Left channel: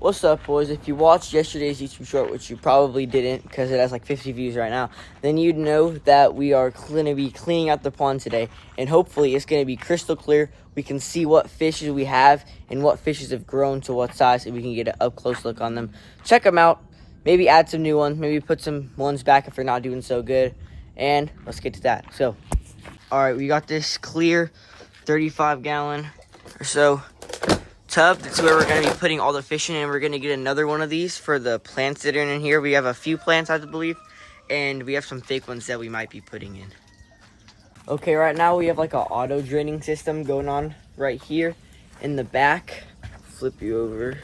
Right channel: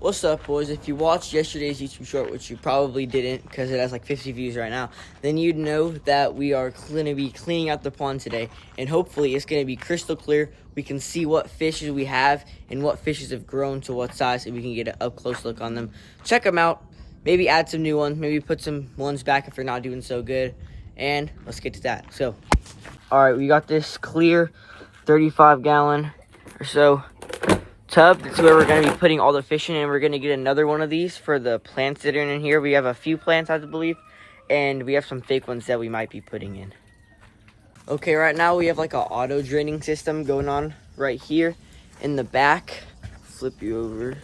What's up, boys? If you watched yesterday's YouTube short, which you probably didn't because it has like 50 views right now, then you'd know that we are going to be cleaning out the pond today, and hopefully it's going to be crystal clear. We can see what fishes we have and what fishes have grown to what size, and we can get an up-close look on them. Check them out. Maybe add some new ones. Maybe put some ones back if they're not doing so good. And let's get to that. So, all right, we got this clear 35-gallon or so tub. That's where we're going to be putting all the fish in, and we're going to get another one of these for the plants that are in here. We have a few plants, I believe, and we have some fake ones that we might be putting in. Okay, right now we have like an auto draining system going on right here in the back. Flip you over.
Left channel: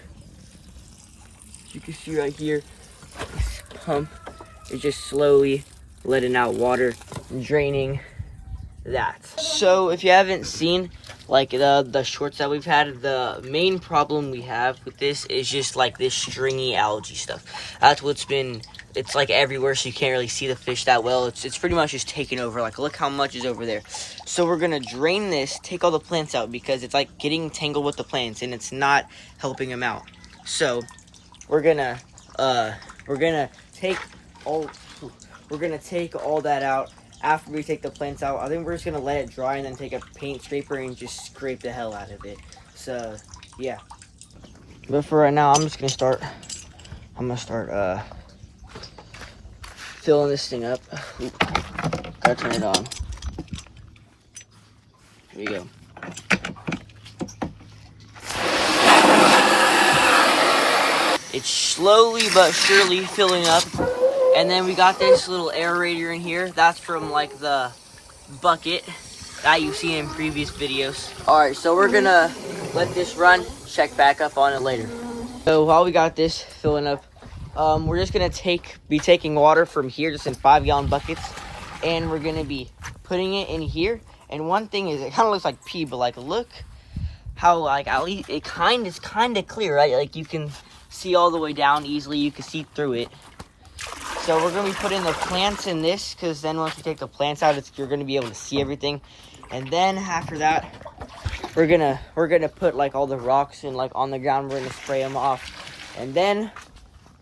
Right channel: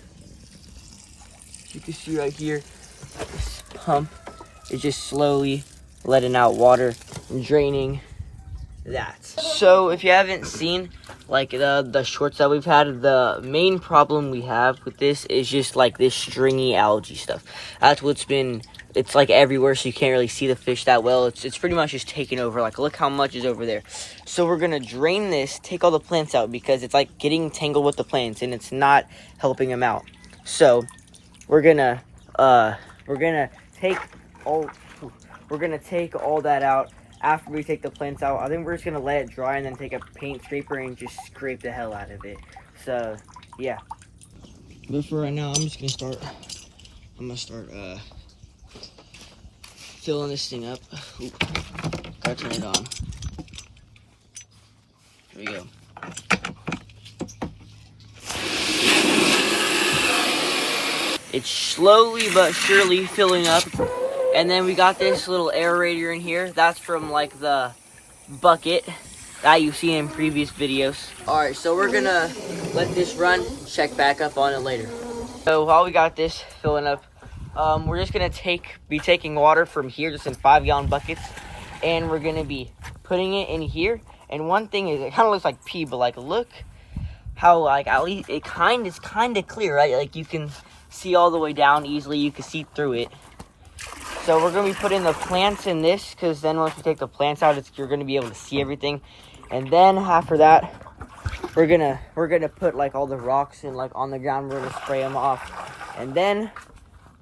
You can see right here, this pump is just slowly letting out water and draining that. So if you haven't seen like the shorts that we've had, the main problem we have with this is just like this stringy algae stuff. That's what's been, it's like everywhere, so you can't really see the fish that well. It's pretty much just taking over. Like, look how much is over there. So we're gonna drain this, take all the plants out, because it's like getting tangled with the plants and it's not helping them out. So we're gonna take all that out. After we take the plants out, I think we're just gonna let it dry and then take a paint scraper and just scrape the hell out of it. So yeah, but for right now, I'm gonna start filling this thing up. Oop. Gotta turn it on. Here we go. It's slowly but surely filling up. And then we got this little aerator in here. That's from like the bucket that you've seen in previous videos. All right, so we're gonna let this run, check back up on it later. So while we got this filling up, we're just gonna be taking water from here, just in 5-gallon buckets, and we're gonna be putting it in here. And one thing is, it kind of looks like pee, but like, look how like at least it's kind of clear, right? Like you can see all the way down easily. You can see through it. So we're going to be putting the plants in this, because then once we take the plants out, you're going to be able to see everything. And then after that, we're gonna put like all the rocks in like on the ground. We're going to spray them off. And then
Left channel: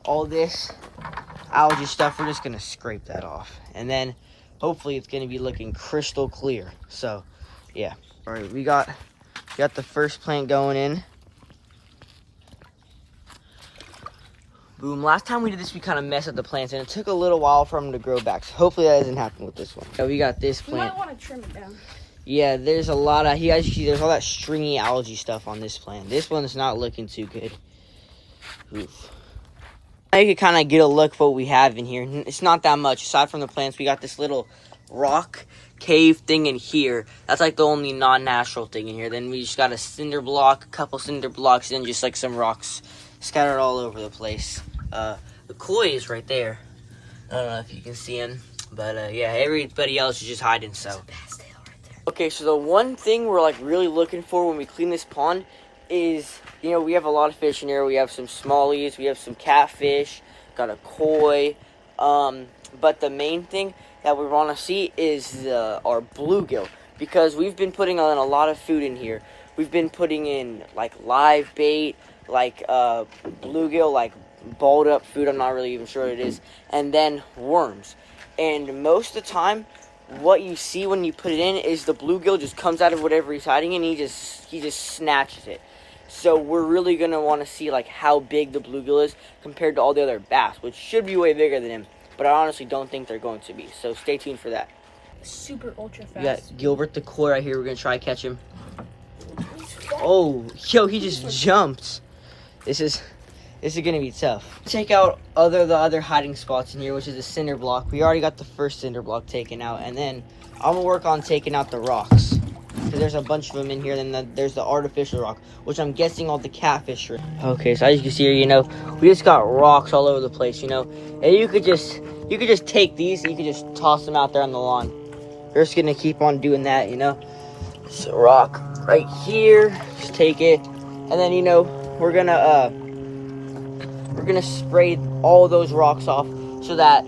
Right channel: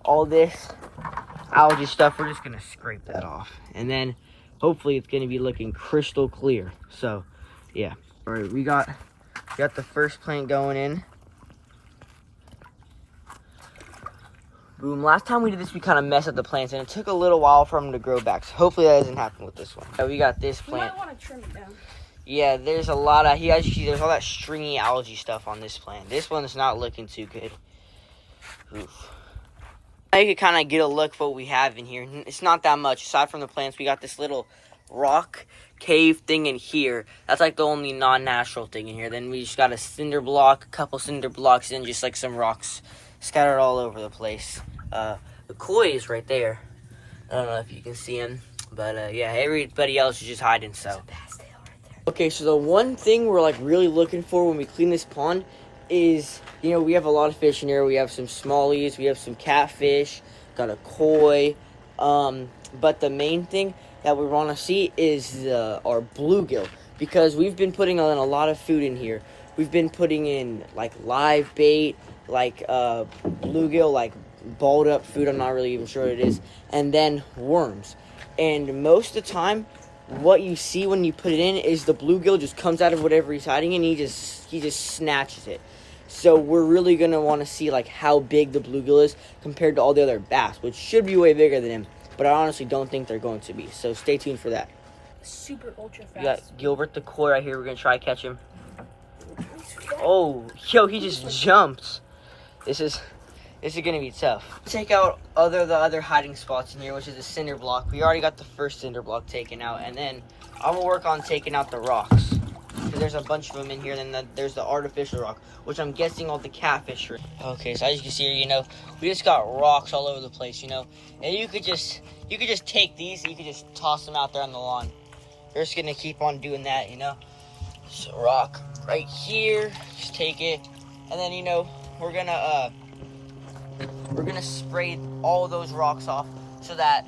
all this algae stuff, we're just going to scrape that off. And then hopefully it's going to be looking crystal clear. So yeah. All right, we got the first plant going in. Boom. Last time we did this, we kind of messed up the plants, and it took a little while for them to grow back. So hopefully that doesn't happen with this one. So we got this plant. You might want to trim it down. Yeah, there's a lot of, there's all that stringy algae stuff on this plant. This one's not looking too good. Oof. Now you can kind of get a look for what we have in here. It's not that much. Aside from the plants, we got this little rock cave thing in here. That's like the only non-natural thing in here. Then we just got a cinder block, a couple cinder blocks, and just like some rocks scattered all over the place. The koi is right there. I don't know if you can see him, but yeah, everybody else is just hiding. So okay, so the one thing we're like really looking for when we clean this pond is, you know, we have a lot of fish in here. We have some smallies, we have some catfish, got a koi, but the main thing that we want to see is our bluegill, because we've been putting in a lot of food in here. We've been putting in like live bait, like bluegill, like balled up food, I'm not really even sure what it is, and then worms. And most of the time, what you see when you put it in is the bluegill just comes out of whatever he's hiding and he just snatches it. So we're really gonna want to see like how big the bluegill is compared to all the other bass, which should be way bigger than him, but I honestly don't think they're going to be. So stay tuned for that. Super ultra fast. We got Gilbert the koi right here. We're gonna try to catch him. Oh, yo, he just jumped. This is gonna be tough. Take out the other hiding spots in here, which is a cinder block. We already got the first cinder block taken out, and then I'm gonna work on taking out the rocks, because there's a bunch of them in here. Then there's the artificial rock, which I'm guessing all the catfish are. Okay, so as you can see here, you know, we just got rocks all over the place, you know, and you could just take these and you could just toss them out there on the lawn. We're just gonna keep on doing that, you know. Just a rock right here, just take it, and then, you know, we're gonna spray all those rocks off so that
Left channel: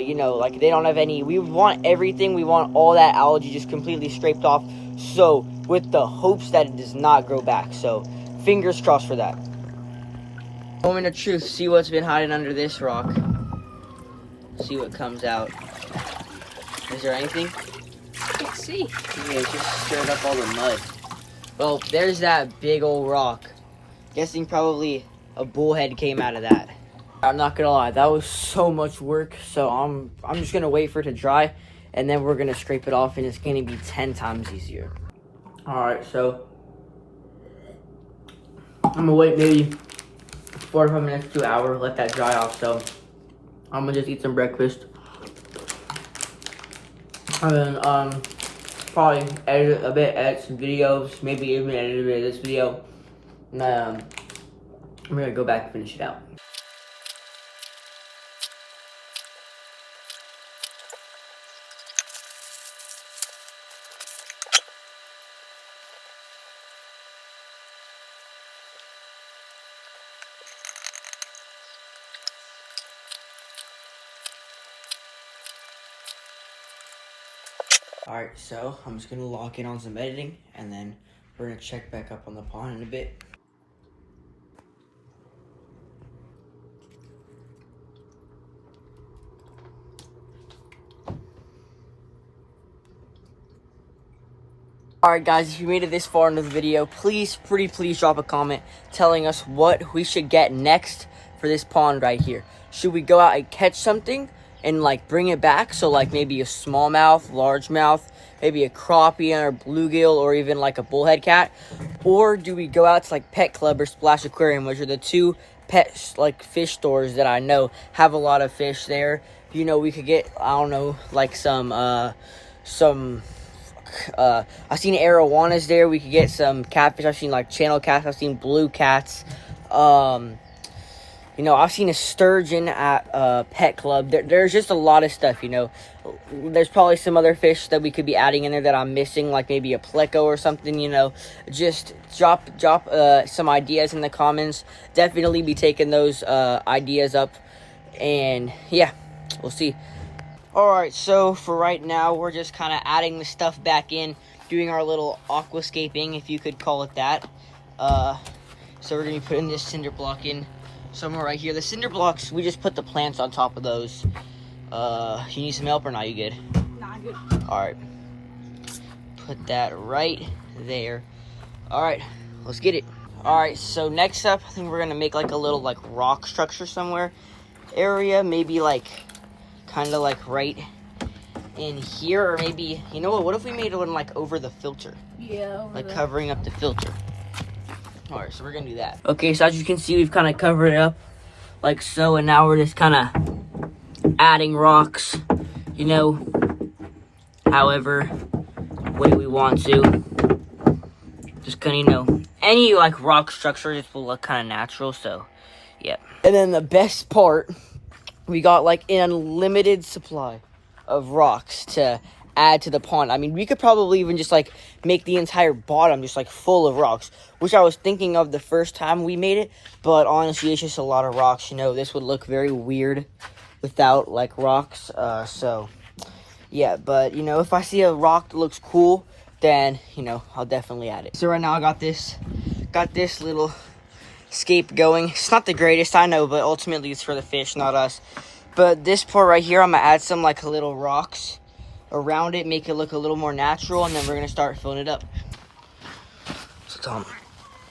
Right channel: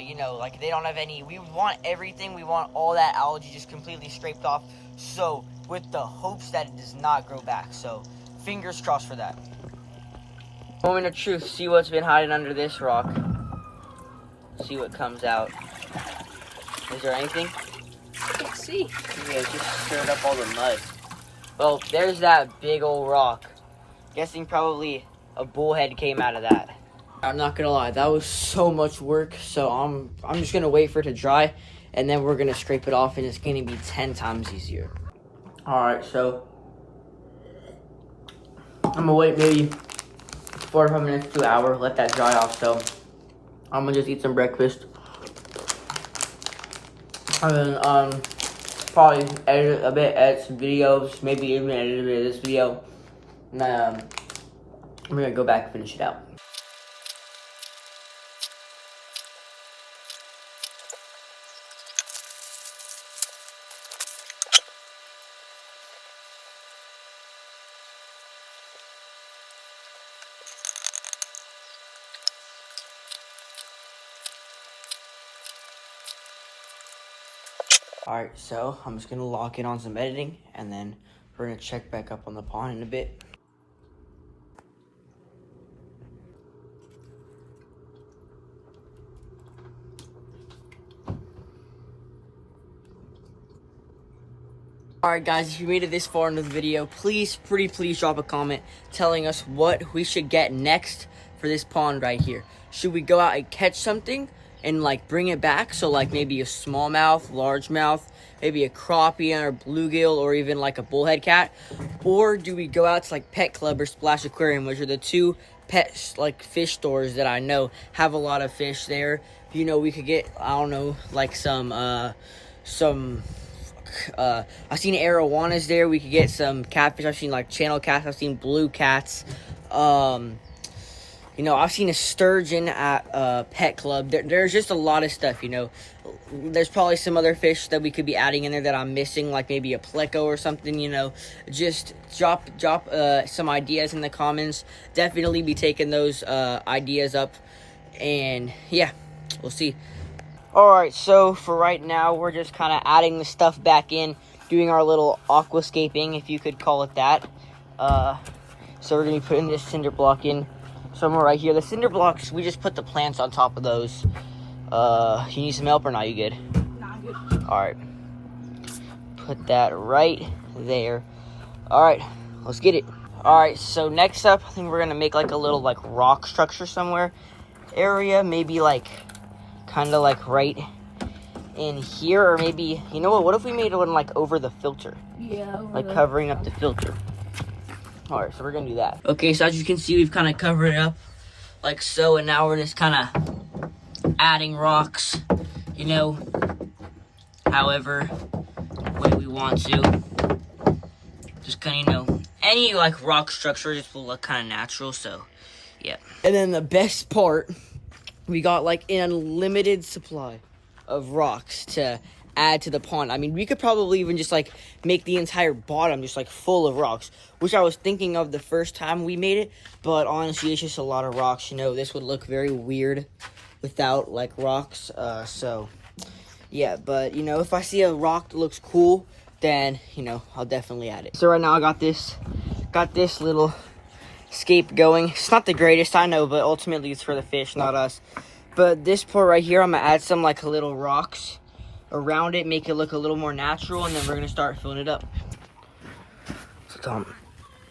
you know, like they don't have any. We want everything. We want all that algae just completely scraped off, so with the hopes that it does not grow back. So fingers crossed for that. Moment of truth. See what's been hiding under this rock. See what comes out. Is there anything? Let's see. Yeah, it just stirred up all the mud. Well, there's that big old rock. Guessing probably a bullhead came out of that. I'm not gonna lie, that was so much work. So I'm just gonna wait for it to dry, and then we're gonna scrape it off, and it's gonna be 10 times easier. All right, so I'm gonna wait maybe 45 minutes to an hour, let that dry off. So I'm gonna just eat some breakfast, and then probably edit a bit, edit some videos, maybe even edit a bit of this video, and I'm gonna go back and finish it out. Alright, so I'm just gonna lock in on some editing, and then we're gonna check back up on the pond in a bit. Alright guys, if you made it this far into the video, please drop a comment telling us what we should get next for this pond right here. Should we go out and catch something and like bring it back? So like maybe a smallmouth, largemouth, maybe a crappie or bluegill, or even like a bullhead cat? Or do we go out to like Pet Club or Splash Aquarium, which are the two pet like fish stores that I know have a lot of fish there? You know, we could get, I don't know, like some I've seen arowanas there. We could get some catfish. I've seen like channel cats. I've seen blue cats. You know, I've seen a sturgeon at Pet Club. There's just a lot of stuff, you know. There's probably some other fish that we could be adding in there that I'm missing, like maybe a pleco or something, you know. Just drop some ideas in the comments. Definitely be taking those ideas up. And yeah, we'll see. Alright, so for right now, we're just kind of adding the stuff back in, doing our little aquascaping, if you could call it that. So we're going to be putting this cinder block in somewhere right here. The cinder blocks, we just put the plants on top of those. You need some help or not? You good? Nah, I'm good. Alright. Put that right there. Alright, let's get it. Alright, so next up, I think we're going to make like a little like rock structure somewhere. Area, maybe like kind of like right in here, or maybe, you know what if we made one like over the filter? Yeah, like covering up the filter. All right, so we're gonna do that. Okay, so as you can see, we've kind of covered it up like so, and now we're just kind of adding rocks, you know, however way we want to. Just kind of, you know, any like rock structure just will look kind of natural. So yeah. And then the best part, we got like an unlimited supply of rocks to add to the pond. I mean, we could probably even just like make the entire bottom just like full of rocks, which I was thinking of the first time we made it, but honestly, it's just a lot of rocks. You know, this would look very weird without like rocks. So yeah, but you know, if I see a rock that looks cool, then you know, I'll definitely add it. So right now I got this little scape going. It's not the greatest, I know, but ultimately it's for the fish, not us. But this part right here, I'm gonna add some like little rocks around it, make it look a little more natural, and then we're gonna start filling it up. So Tom,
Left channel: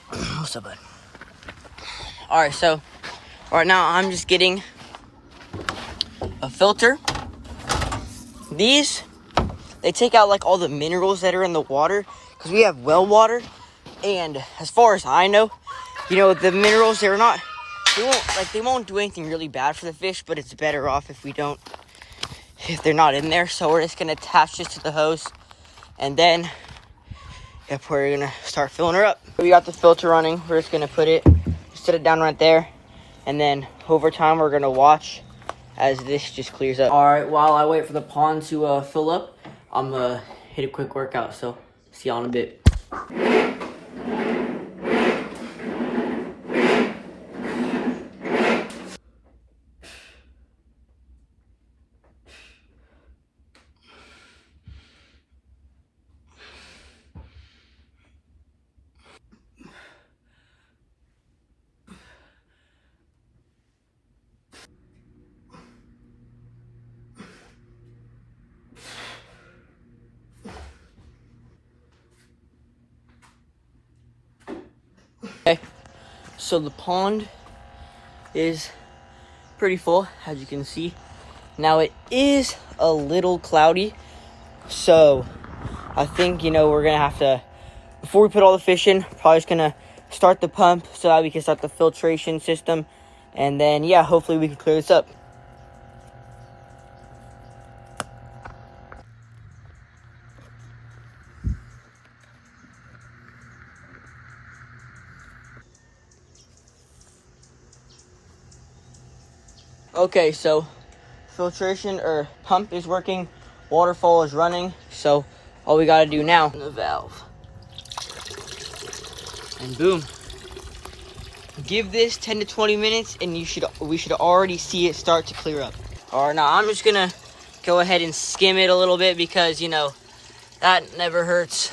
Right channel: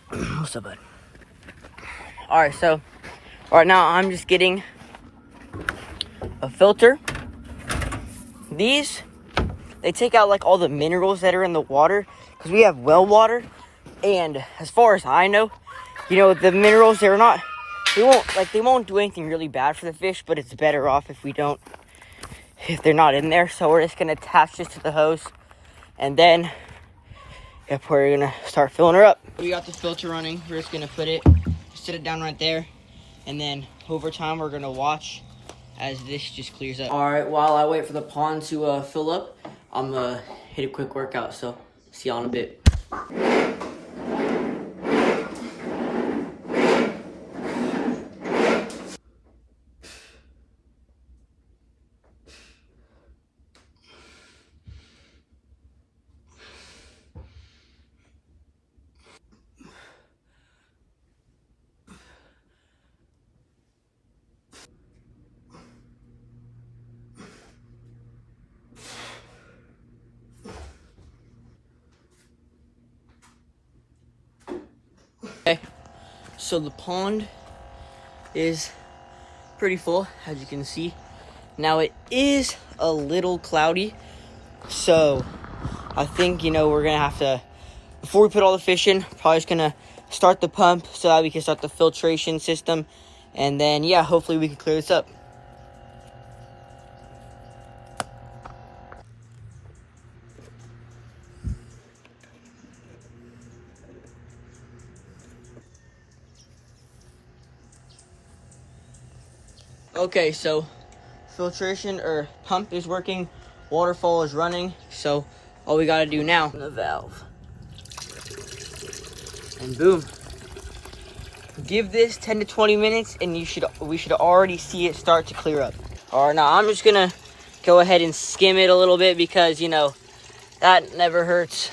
what's up, bud? All right, so right now I'm just getting a filter. These, they take out like all the minerals that are in the water, because we have well water, and as far as I know, you know, the minerals, they won't do anything really bad for the fish, but it's better off if they're not in there. So we're just gonna attach this to the hose, and then yep, we're gonna start filling her up. We got the filter running. We're just gonna set it down right there, and then over time we're gonna watch as this just clears up. All right, while I wait for the pond to fill up, I'm gonna hit a quick workout. So see y'all in a bit. So the pond is pretty full, as you can see. Now it is a little cloudy, so I think, we're gonna have to, before we put all the fish in, probably just gonna start the pump so that we can start the filtration system, and then hopefully we can clear this up. Okay, so filtration or pump is working, waterfall is running, so all we gotta do now, the valve, and boom. Give this 10 to 20 minutes and we should already see it start to clear up. All right, now I'm just gonna go ahead and skim it a little bit because that never hurts.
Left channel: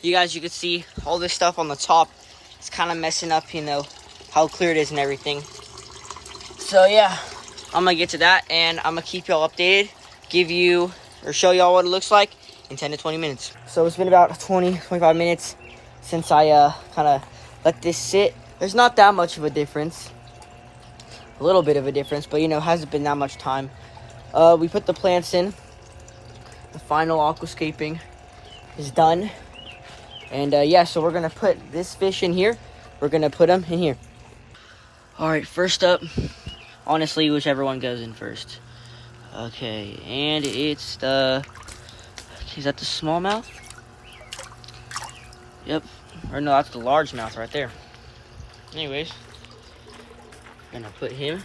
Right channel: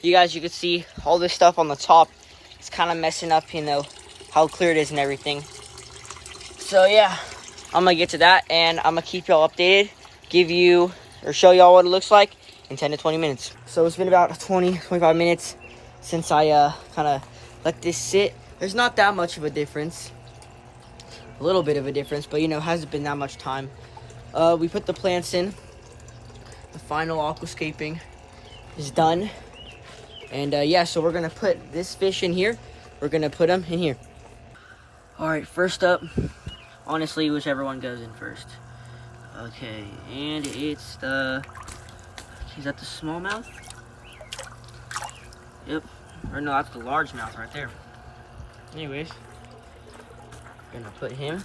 You can see all this stuff on the top. It's kind of messing up, how clear it is and everything. So I'm gonna get to that and I'm gonna keep y'all updated, show y'all what it looks like in 10 to 20 minutes. So it's been about 20-25 minutes since I kind of let this sit. There's not that much of a difference. A little bit of a difference, but hasn't been that much time. We put the plants in. The final aquascaping is done. And so we're gonna put this fish in here. We're gonna put them in here. All right, first up, honestly, whichever one goes in first. Okay, and it's is that the smallmouth? Yep, or no, that's the largemouth right there. Anyways, I'm gonna put him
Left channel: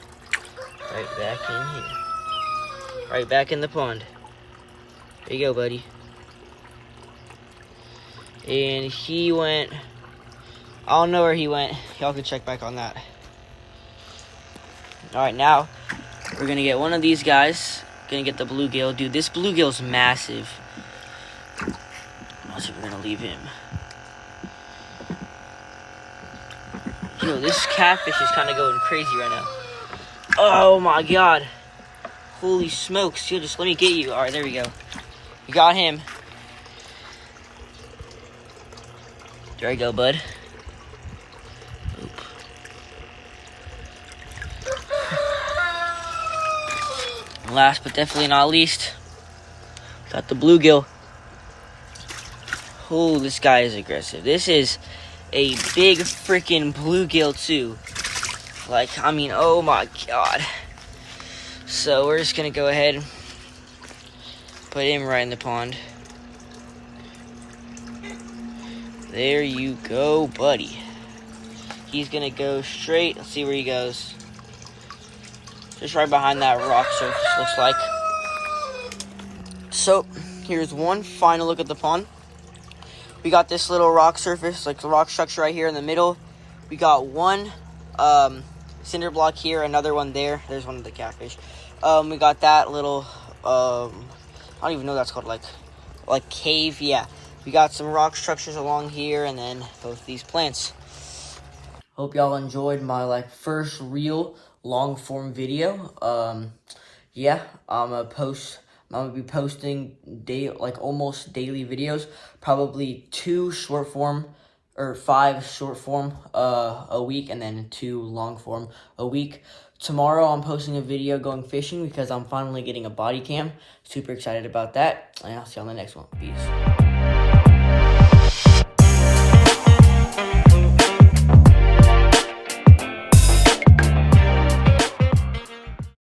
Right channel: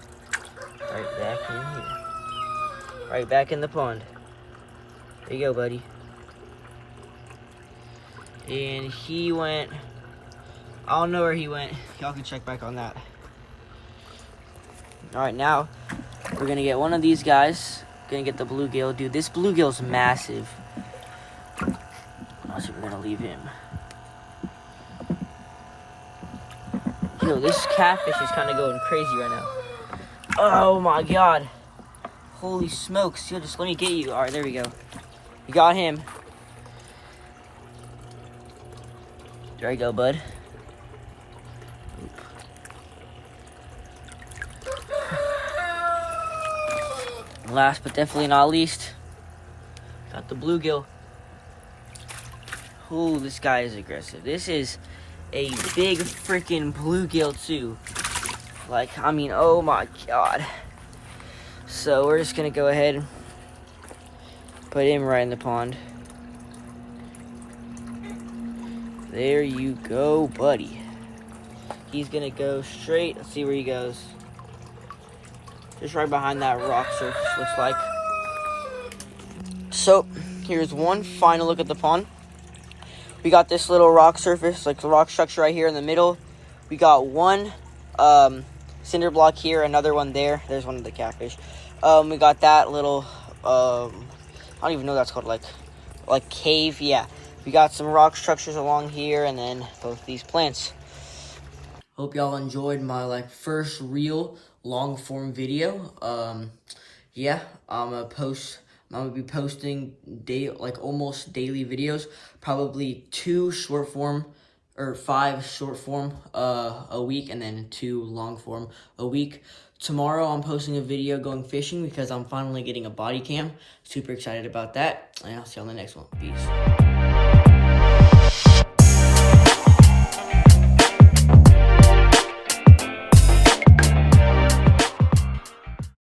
right back in here. Right back in the pond. There you go, buddy. And he went, I don't know where he went. Y'all can check back on that. Alright, now we're gonna get one of these guys. Gonna get the bluegill. Dude, this bluegill's massive. Let's see if we're gonna leave him. Yo, this catfish is kind of going crazy right now. Oh my god. Holy smokes. Yo, just let me get you. Alright, there we go. We got him. There you go, bud. Oop. Last but definitely not least, got the bluegill. Oh, this guy is aggressive. This is a big freaking bluegill too. Oh my god. So we're just gonna go ahead and put him right in the pond. There you go, buddy. He's gonna go straight. Let's see where he goes. Just right behind that rock surface, looks like. So here's one final look at the pond. We got this little rock surface, like the rock structure right here in the middle. We got one cinder block here, another one there. There's one of the catfish. We got that little, I don't even know what that's called, like cave, yeah. We got some rock structures along here, and then both these plants. Hope y'all enjoyed my first real long form video. I'm gonna be posting almost daily videos, probably 5 short form a week, and then 2 long form a week. Tomorrow I'm posting a video going fishing because I'm finally getting a body cam. Super excited about that, and I'll see you on the next one. Peace.